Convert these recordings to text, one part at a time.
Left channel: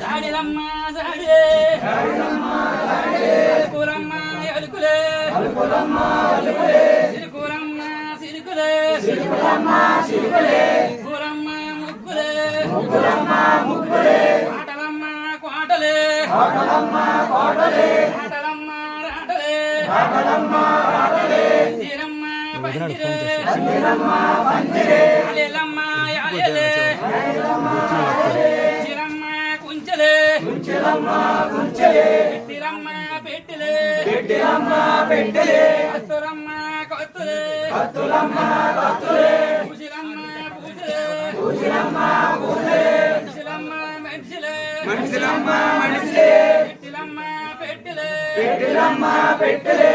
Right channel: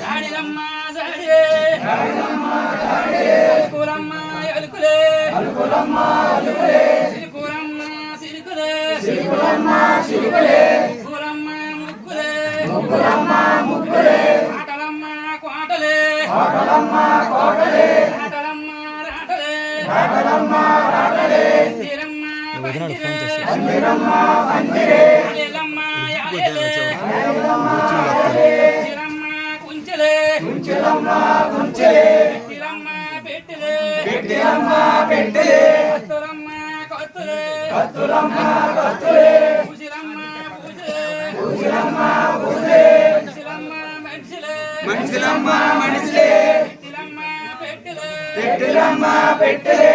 జాడిలమ్మ జాడి అలుకులమ్మ అలుకులే సిలుకులమ్మ సిలుకులే పూలమ్మ ముగ్గులే ఆటలమ్మ కోటలే ఆటలమ్మ రాటలే తీరమ్మ పందిరే అలెలమ్మ యాలెలే చిరమ్మ కుంచెలే పెట్టిలమ్మ పెట్టెలే కత్తులమ్మ కత్తులే పూజిలమ్మ పూజలే మనిషిలమ్మ మనిషిలే పెట్టిలమ్మ పెట్టెలే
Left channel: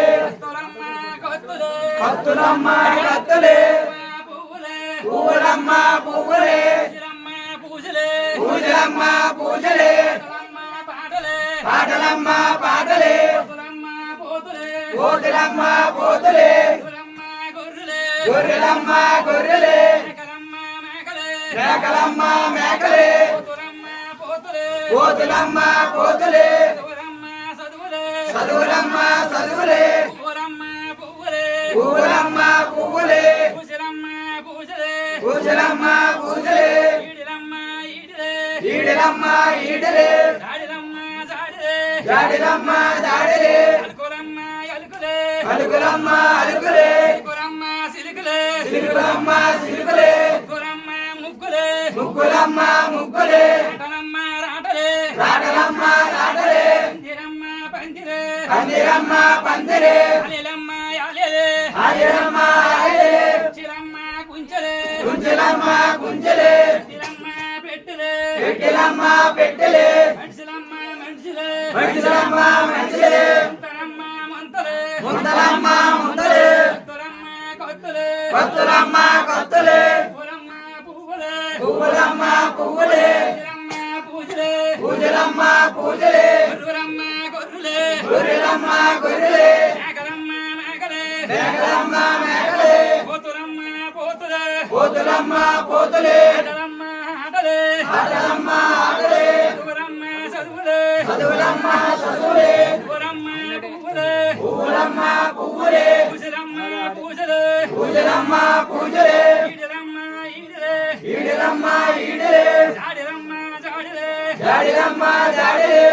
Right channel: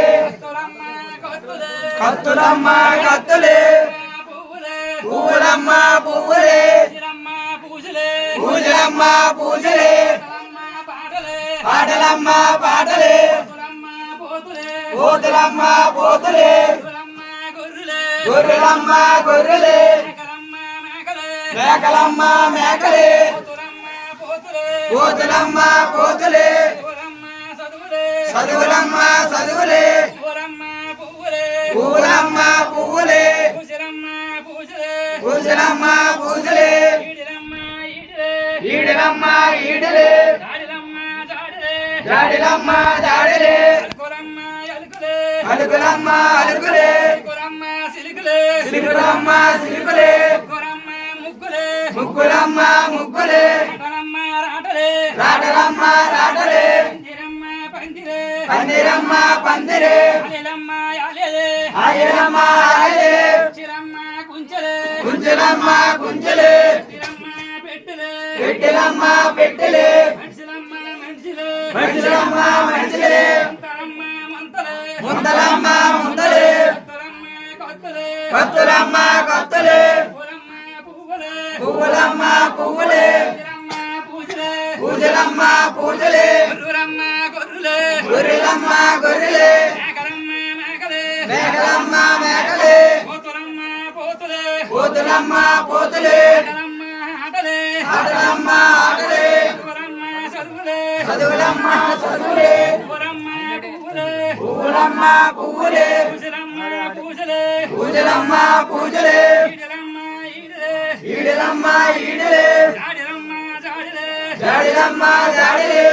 కత్తులమ్మ కత్తులే పువ్వులమ్మ పువ్వులే పూజలమ్మ పూజలే పాటలమ్మ పాటలే పోతులమ్మ పోతులే గొర్రెలమ్మ గొర్రెలే మేకలమ్మ మేకలే పోతులమ్మ పోతులే చదువులమ్మ చదువులే పువ్వులమ్మ పువ్వులే పూజలమ్మ పూజలే ఈడలమ్మ ఈడలే జాడిలమ్మ జాడిలే అలుకులమ్మ అలుకులే సిలుకులమ్మ సిలుకులే ముగ్గులమ్మ ముగ్గులే రాటలమ్మ రాటలే పందిరమ్మ పందిరే అలెలమ్మ అలెలే కుంచెలమ్మ కుంచెలే పెట్టెలమ్మ పెట్టెలే మనిషిలమ్మ మనిషిలే ముంతలమ్మ ముంతలే కత్తులమ్మ కత్తులే పువ్వులమ్మ పువ్వులే పూజలమ్మ పూజలే గొర్రెలమ్మ గొర్రెలే మేకలమ్మ మేకలే పోతులమ్మ పోతులే ఆటలమ్మ ఆటలే చదువులమ్మ చదువులే పువ్వులమ్మ పువ్వులే పూజలమ్మ పూజలే ఈడలమ్మ ఈడలే జాడిలమ్మ జాడిలే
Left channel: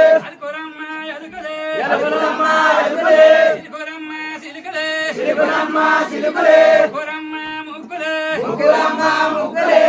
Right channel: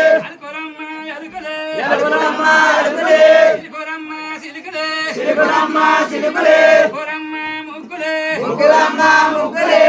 అలుకులమ్మ అలుకులే సిలుకులమ్మ సిలుకులే ముగ్గులమ్మ ముగ్గులే